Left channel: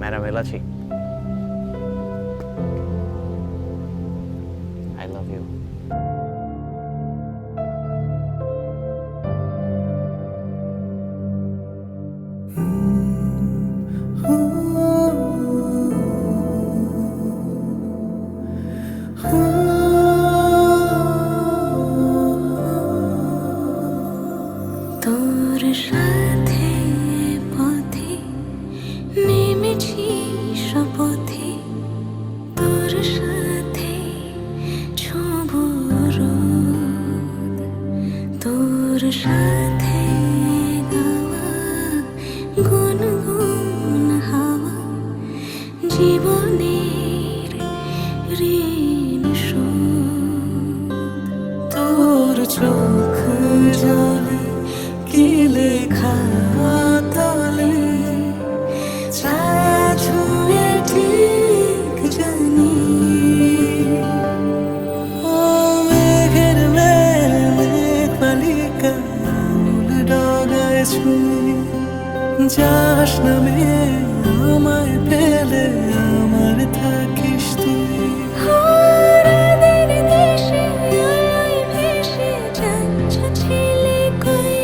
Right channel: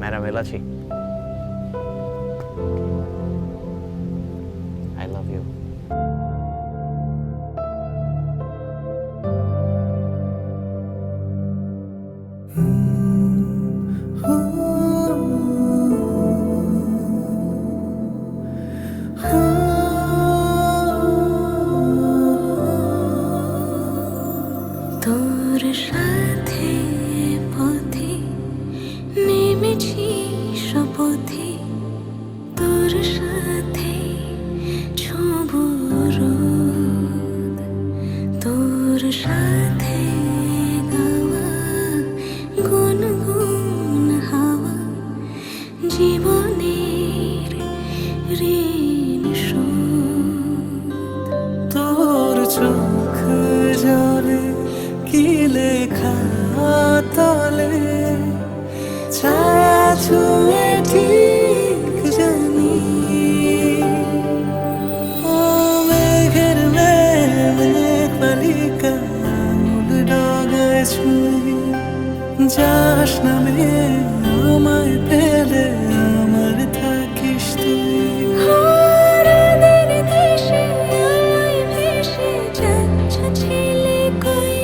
Madam Elachi, I love you. তোর সাথে পথে নেমেছি শপথে, তোর সাথে ছব রোদ, তোর সাথে গাওয়া গুনগুন হাওয়া, জীবনের ঋণ শোধ। তোর চোখ জলে কি লেখা তলে, ছায়া ছুঁয়ে ঠিক জানি। ও মেঘের মেঘ বালিকা আঙুল ডগায় ছুঁয়ে, যাস নামে আমায় পেলে আমার থাকিস তুই। হারাদের দেশে আলোয় ভেসে যাচ্ছ ছেলে কই,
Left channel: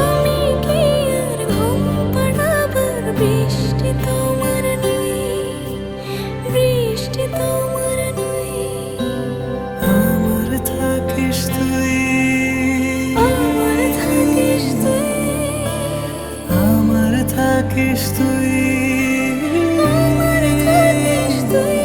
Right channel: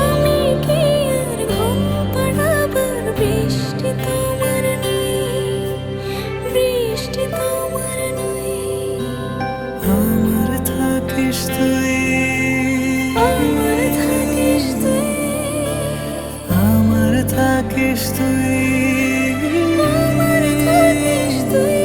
আমি কি আর ঘুম পাড়াবার বৃষ্টি তোমার নই, বৃষ্টি তোমার নই। আমার থাকিস তুই, আমার থাকিস তুই, আমার থাকিস তুই, আমার থাকিস তুই,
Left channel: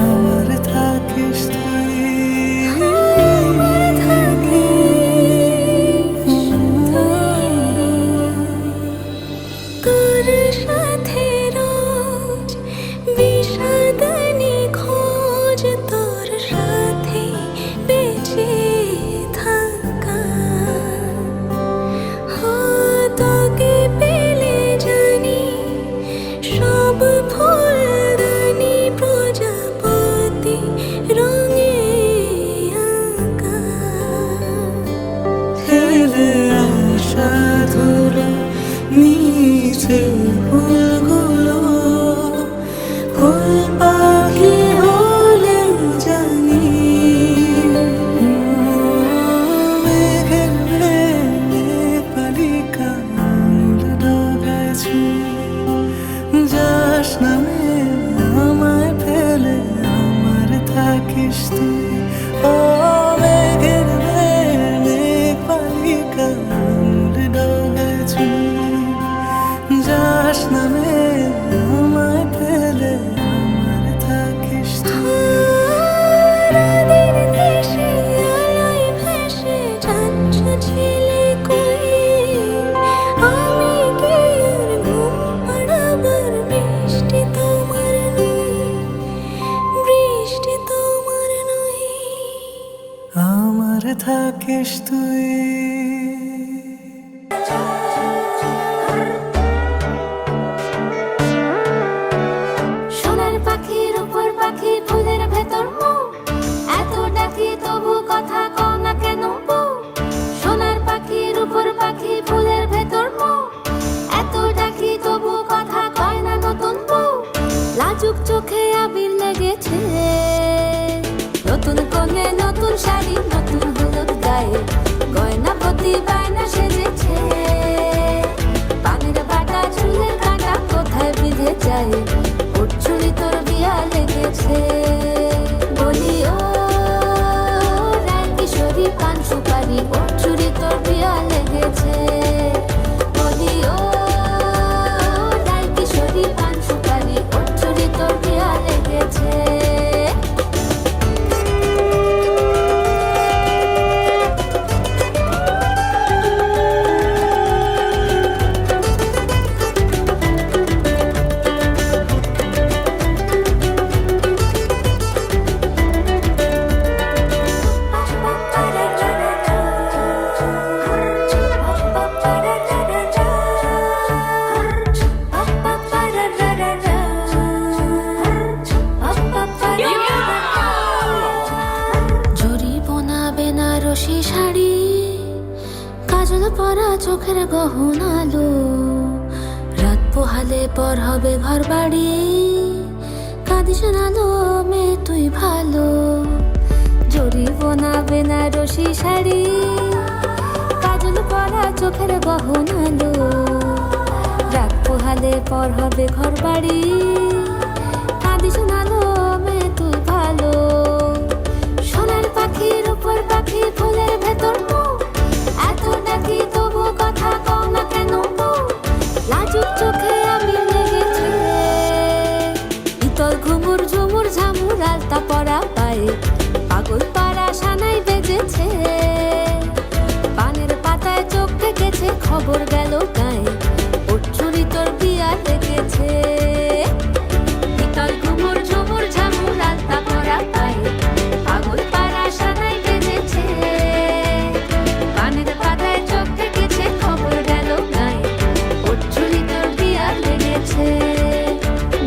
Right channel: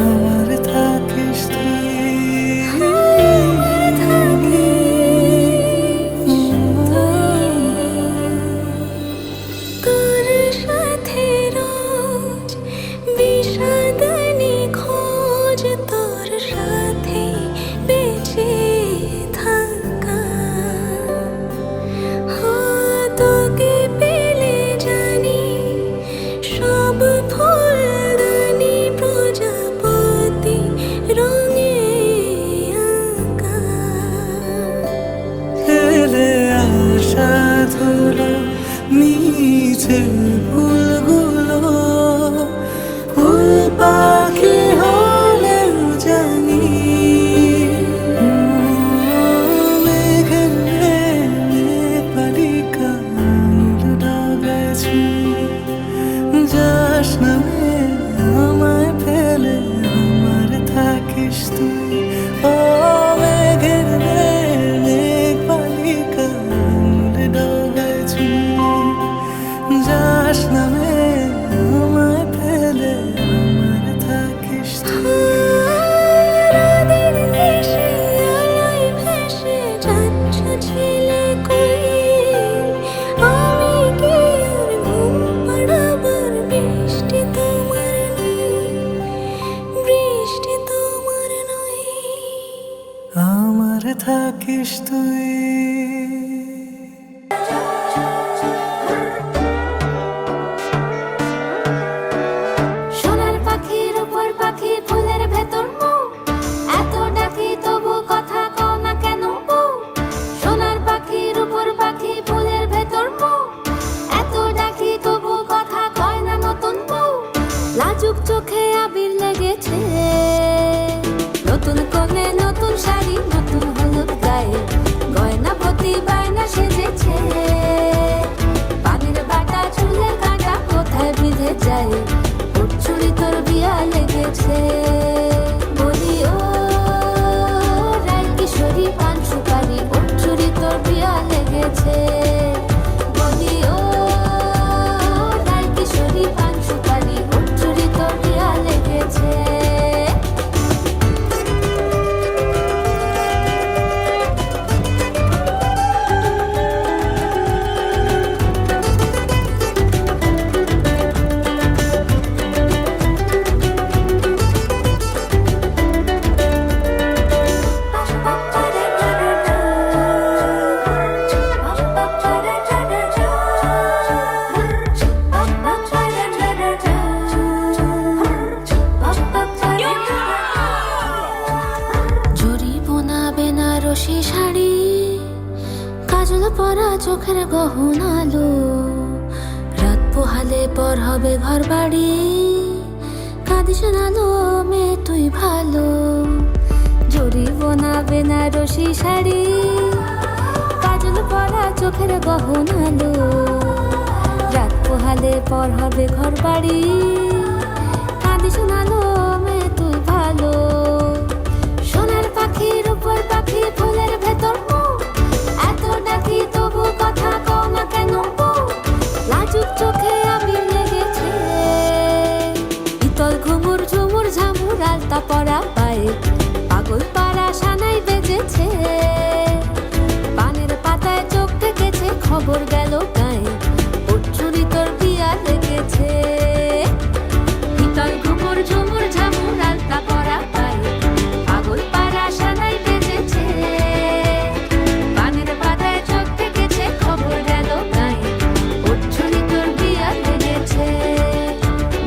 আমার থাকিস তুই। আমার থাকিস তুই। তোর সাথে রোজ বিষাদ নিখোঁজ, তোর সাথে বেঁচে থাকা। তোকে পেলে জানি সব ফুলদানি প্রজাপতি রঙে আঁকা। ফেলে আসা ধুলো নিচে ফুলগুলো, ফুল পাখি হলেও জানি। মেঘের মেঘ বালিকা আঙুল ডগায় ছুঁয়ে, যাস নামে আমায় ফেলে আমার থাকিস তুই। ও মেঘের মেঘ বালিকা আঙুল ডগায় ছুঁয়ে, যাস নামে আমায় ফেলে আমার থাকিস তুই। হারাদের দেশে আলোয় ভেসে যাচ্ছ ছেলে কই, আমি কি আর ঘুম পাড়াবার বৃষ্টি তোমার নই, বৃষ্টি তোমার নই। আমার থাকিস তুই। সোনার পাখির উপর পাখি ফুলের ভেতর মৌ, এত ডাকি তবু কথা কও না কেন বউ। সোনার পাখির উপর পাখি ফুলের ভেতর মৌ, এত ডাকি তবু কথা কয় না নতুন বউ। লাজুক চোখে আবির লেগেছে, নতুন কোণে নতুন শাড়ি নতুন হলুদ গায়ে, গয়না প্রতি বায়না সেজেছে। পানের বাটা চুলের কাঁটা কোথায় বিঁধে যায়, ওর চুড়ি তোর বিয়া লেগেছে। বলি ও রায় কিশোরী পান সুপারি, ওর চুড়ি তোর বিয়া লেগেছে। বলি ও রায় কিশোরী পান সুপারি, ওর চুড়ি তোর বিয়া লেগেছে। বেনারসি শাড়ি, কাজল পরা চোখের গহনালো, রাত পোহালে পোহালে পর হবে ঘর বাড়ি, কাঁদিস না লো মেয়ে তুই ভালো, জরিব না বেনারসি শাড়ি, কাজল পরা চোখের গহনালো। রাত পোহালে পর হবে ঘর বাড়ি, কাঁদিস না লো মেয়ে তুই ভালো। সোনার পাখির উপর পাখি ফুলের ভেতর মৌ, এত ডাকি তবু কথা কও না কেন বউ? লাজুক চোখে আবির লেগেছে, ইতল ঘুমুর ঝুমুর ঝামুর আলতা পরা পায়ে, পাগল পাড়া সানাই বেজেছে। পানের পাতায় চোখ থেকেছে, খবর গেল গায়ে, ওর চুরি তোর বিয়া লেগেছে। ইতল ঘুমুর ঝুমুর ঝামুর আলতা পরা পায়ে, পাগল পাড়া সানাই বেজেছে। পানের পাতায় চোখ থেকেছে, খবর গেল গায়ে, ওর চুরি তোর বিয়া লেগেছে।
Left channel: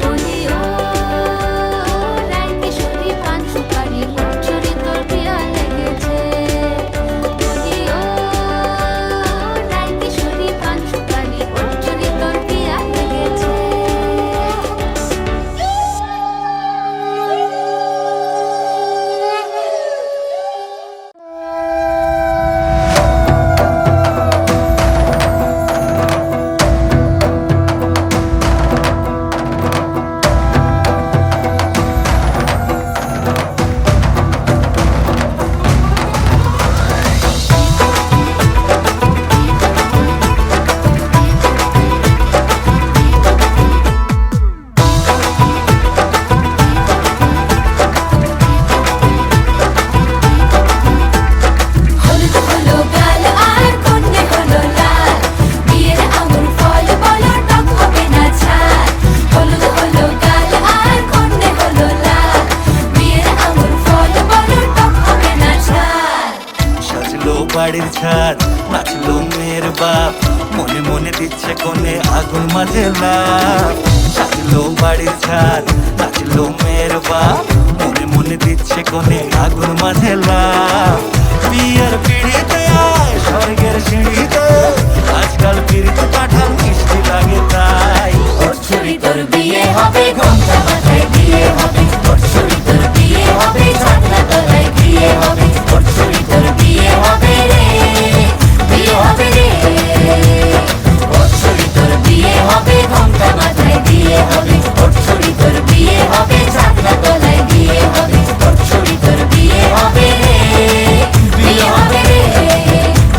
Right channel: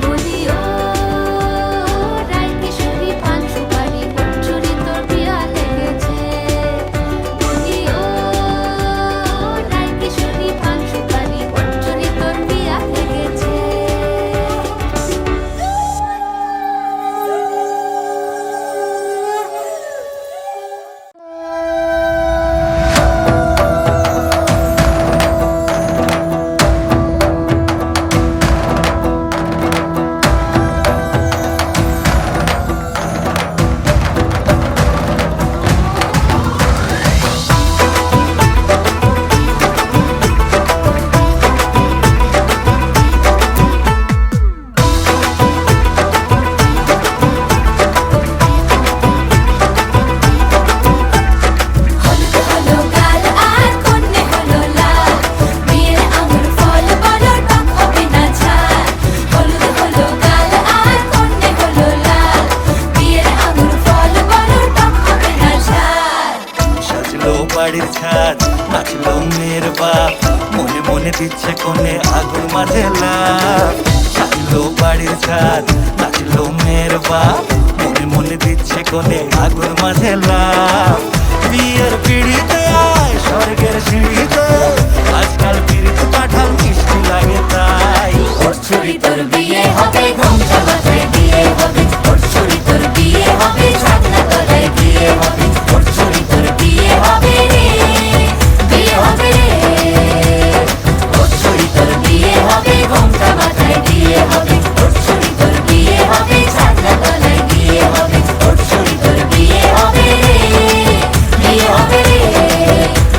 বলি ও রায় কিশোরী পান সুপারি, ওর চুরি তোর বিয়া লেগেছে। বলি ও রায় কিশোরী পান সুপারি, ওর চুরি তোর বিয়া লেগেছে। হলুদ হলো গাল আর কন্যে হলো লাল, বিয়ের আঙুর ফল বলো টক হবে না ঝাল। হলুদ হলো গাল আর কন্যে হলো লাল, বিয়ের আঙুর ফল বলো টক হবে না ঝাল। সাজলো বাড়ির ছাদ, নাচলো মেয়ের বাপ, মনে মনে দিচ্ছে কোণে আগুন মাঝে লাভ। সাজলো বাড়ির ছাদ, নাচলো মেয়ের বাপ, মনে মনে দিচ্ছে কোণে আগুন মাঝে লাভ। বিয়ের পিড়িতে আয় স্বর্গের সিঁড়িতে, আজকাল পিড়িত কাঁঠাল মিষ্টি লাগে তাই। ওর ছুরি তোর বিয়ে হবে, ঘোমটা মাথায় দিয়ে হবে, ওর ছুরি তোর বিয়ে হবে, ছাগনা তলায় দিয়ে হবে, ওর ছুরি তোর বিয়ে হবে রে, বিয়ে হবে রে। ওর ছুরি তোর বিয়ে হবে, ঘোমটা মাথায় দিয়ে হবে, ওর ছুরি তোর বিয়ে হবে, ছাগনা তলায় দিয়ে হবে, ওর ছুরি তোর বিয়ে হবে রে, বিয়ে হবে রে,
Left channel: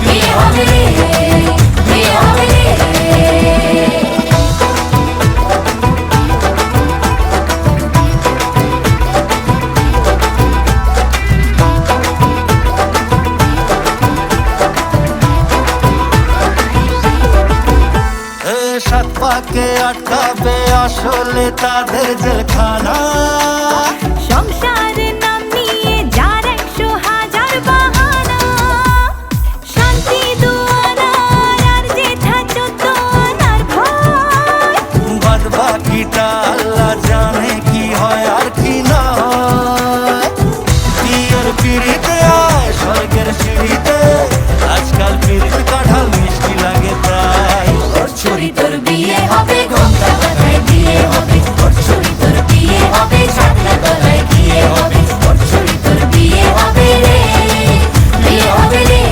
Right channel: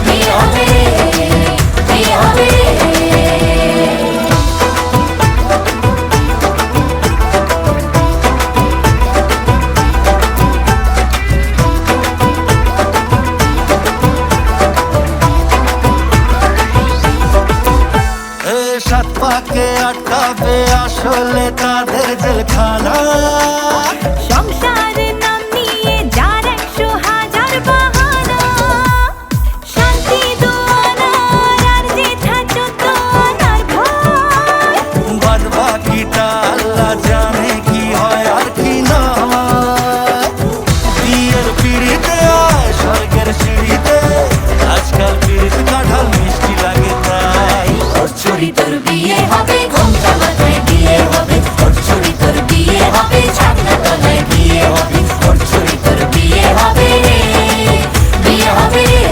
বিয়ে হবে রে, বিয়ে হবে রে। এ সাত পাকে আটকাবে আসলে তাদের জেলখানা। সংসারের নাম নিয়ে যার 100,000 বাহানা, শান্তি দুয়ানার আর জেঠা চোদ্দনার ভয়। বাদ বাকিটা আল্লাহ জানে কি হয় আর কি না হয়। বিয়ের পিড়িতে আয় স্বর্গের সিঁড়িতে, আজকাল পিড়িত কাঁঠাল মিষ্টি লাগে তাই। ওর ছুরি তোর বিয়ে হবে, ঘোমটা মাথায় দিয়ে হবে, ওর ছুরি তোর বিয়ে হবে, ছাগনা তলায় দিয়ে হবে, ওর ছুরি তোর বিয়ে হবে রে, বিয়ে হবে রে।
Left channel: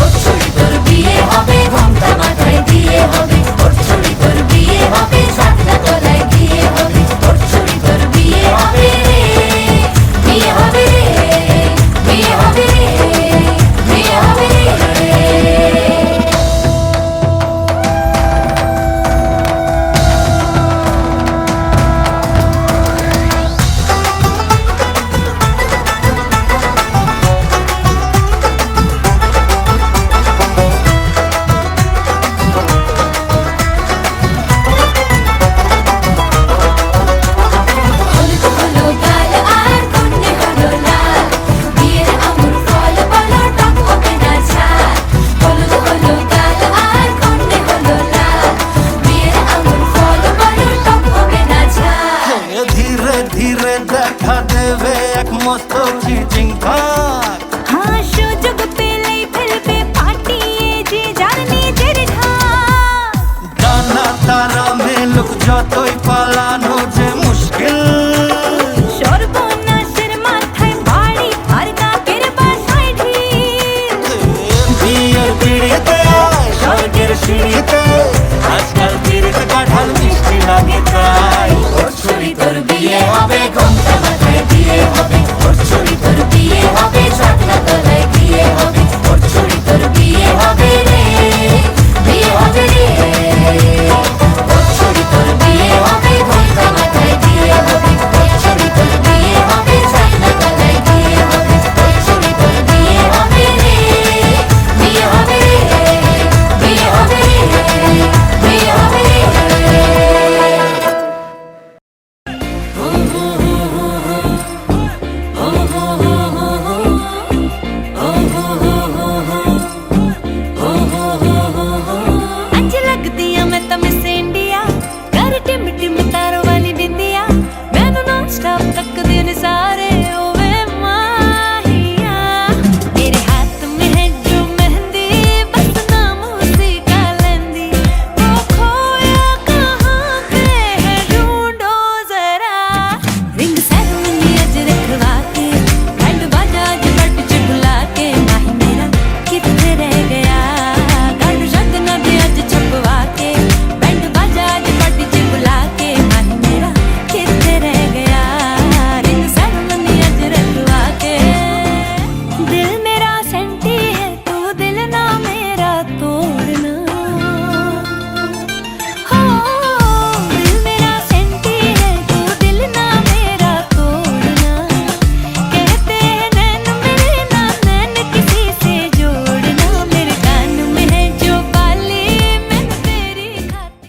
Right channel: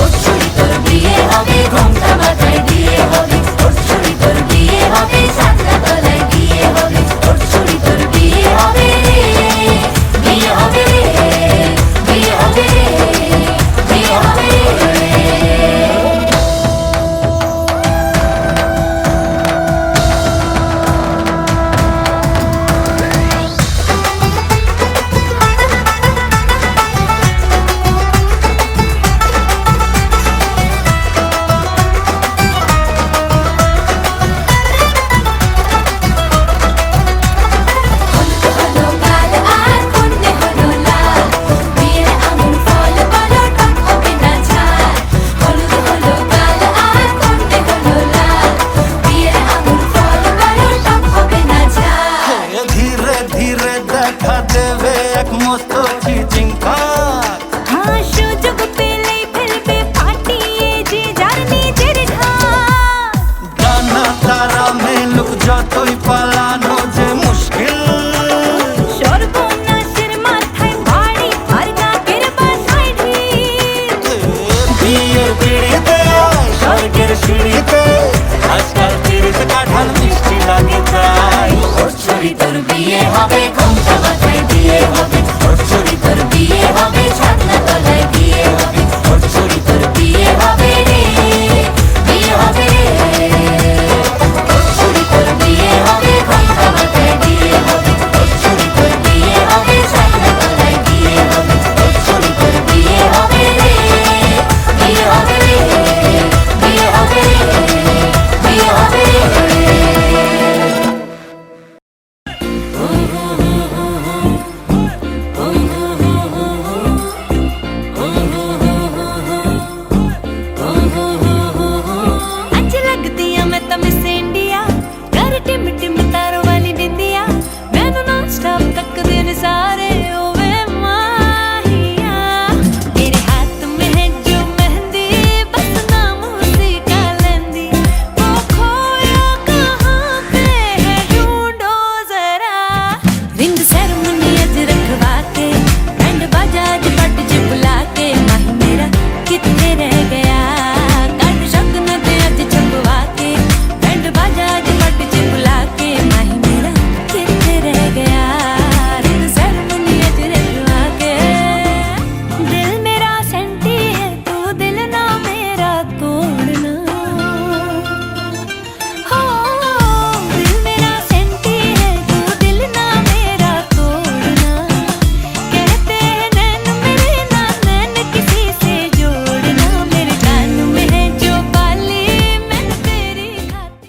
ওর ছুরি তোর বিয়ে হবে, ঘোমটা মাথায় দিয়ে হবে, ওর ছুরি তোর বিয়ে হবে, ছাগনা তলায় দিয়ে হবে, ওর ছুরি তোর বিয়ে হবে রে, বিয়ে হবে রে, বিয়ে হবে রে, বিয়ে হবে রে। হলুদ হলো গাল আর কন্যে হলো লাল, বিয়ের আঙুর ফল বলো টক হবে না ঝাল। হলুদ হলো গাল আর কন্যে হলো লাল, বিয়ের আঙুর ফল বলো টক হবে না ঝাল। এ ধীরে ধীরে দেখা দেবে এক মস্ত চিচিং ফাঁক। হ্যাঁ, সুযোগ পেলেই ফেলবে ফাটিয়ে যে যার নিজের ঢাক। ডানা সিঁড়িতে আজকাল চিড়িতে কাঁঠাল মিষ্টি লাগে তাই ওর ছড়ি তোর বিয়ে হবে ঘুমটা মাথায় দিয়ে হবে ওর ছড়ি তোর বিয়ে হবে